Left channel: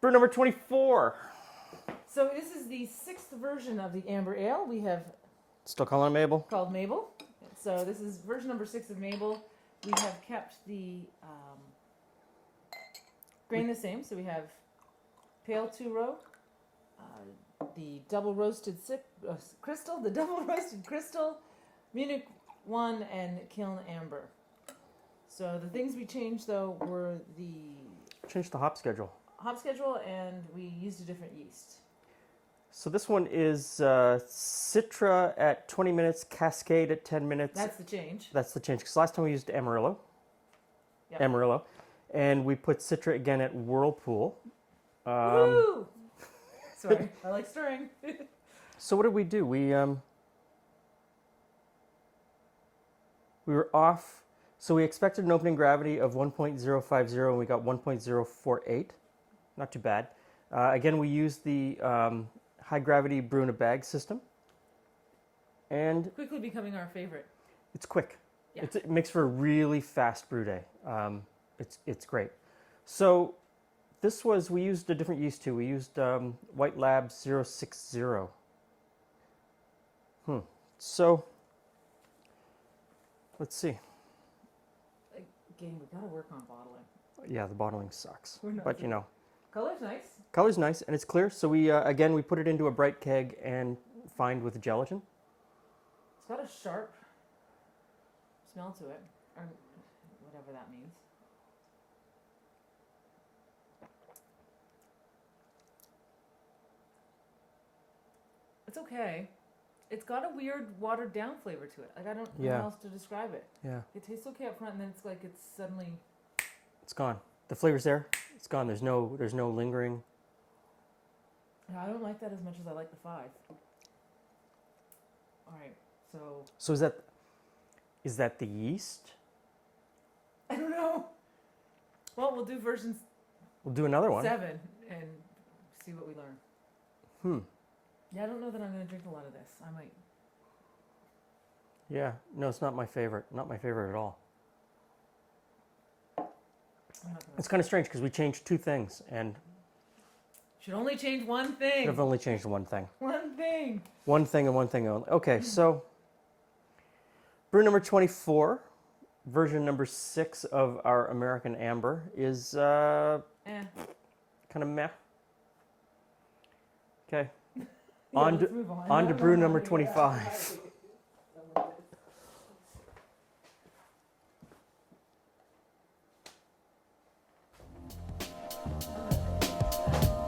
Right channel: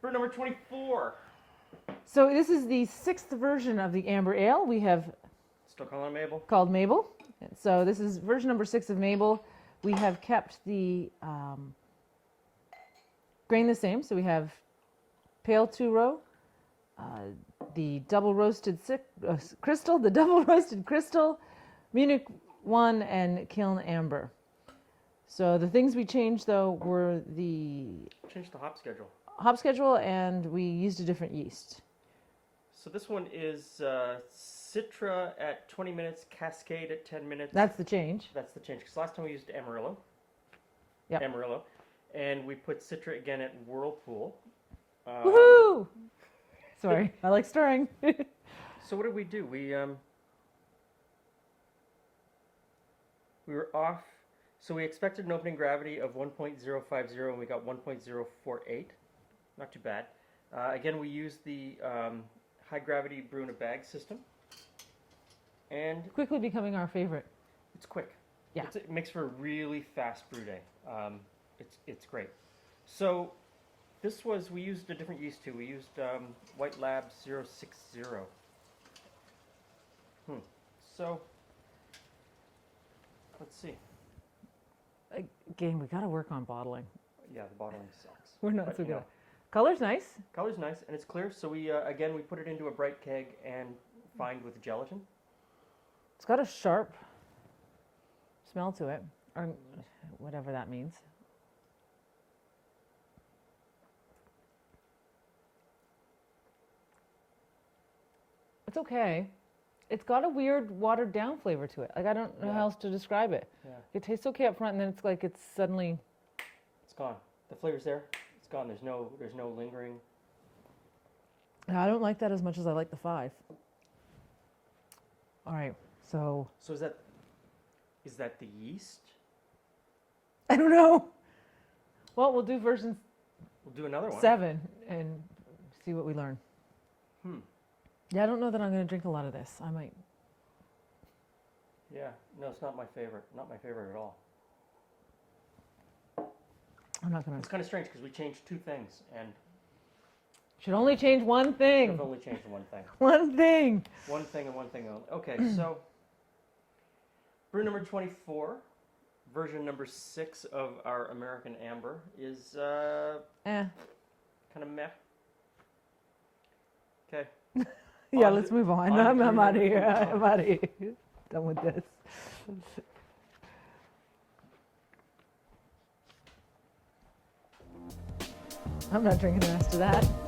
Brew number 24. So this is the 6th version of the Amber Ale. We have Still calling it Mabel? called Mabel. So this is version number 6 of Mabel. We have kept the grain the same. So we have pale 2-row, the double roasted crystal, the double roasted crystal, Munich 1, and kiln amber. So the things we changed though were the Changed the hop schedule. and we used a different yeast. So this one is Citra at 20 minutes, Cascade at 10 minutes. That's the change. That's the change, because last time we used Amarillo. Yep. Amarillo. And we put Citra again at Whirlpool. Woohoo! Sorry, I like stirring. So what did we do? We were off. So we expected an opening gravity of 1.050 and we got 1.048. Not too bad. Again, we used the high gravity brew in a bag system. And Quickly becoming our favorite. it's quick. Yeah. It makes for a really fast brew day. It's great. So this was, we used a different yeast too. We used White Lab 060. So let's see. Again, we got to work on bottling. Yeah, the bottling sucks. We're not But so you good. know, Color's nice. color's nice and it's clear. So we again we put it into a bright keg and fined with gelatin. It's got a sharp smell to it, or whatever that means. It's okay. It's got a weird watered down flavor to it. Like I don't know how else to describe it. Yeah, It tastes okay up front, and then it's like it's suddenly. it's gone. The flavor's there. It's gone. There's no lingering. I don't like that as much as I like the 5. All right, so So is that the yeast? I don't know. Well, we'll do version We'll do another one. 7 and see what we learn. Yeah, I don't know that I'm going to drink a lot of this. I might. Yeah, no, it's not my favorite. Not my favorite at all. I'm not going It's to. kind of strange because we changed 2 things and Should only change one thing. I've only changed one thing. One thing. One thing and one thing only. Okay, so brew number 24, version number 6 of our American Amber is kind of meh. Okay. Yeah, let's move on. On to brew I'm out number of here. 25. I'm out of here. Done with this. I'm not drinking the rest of that.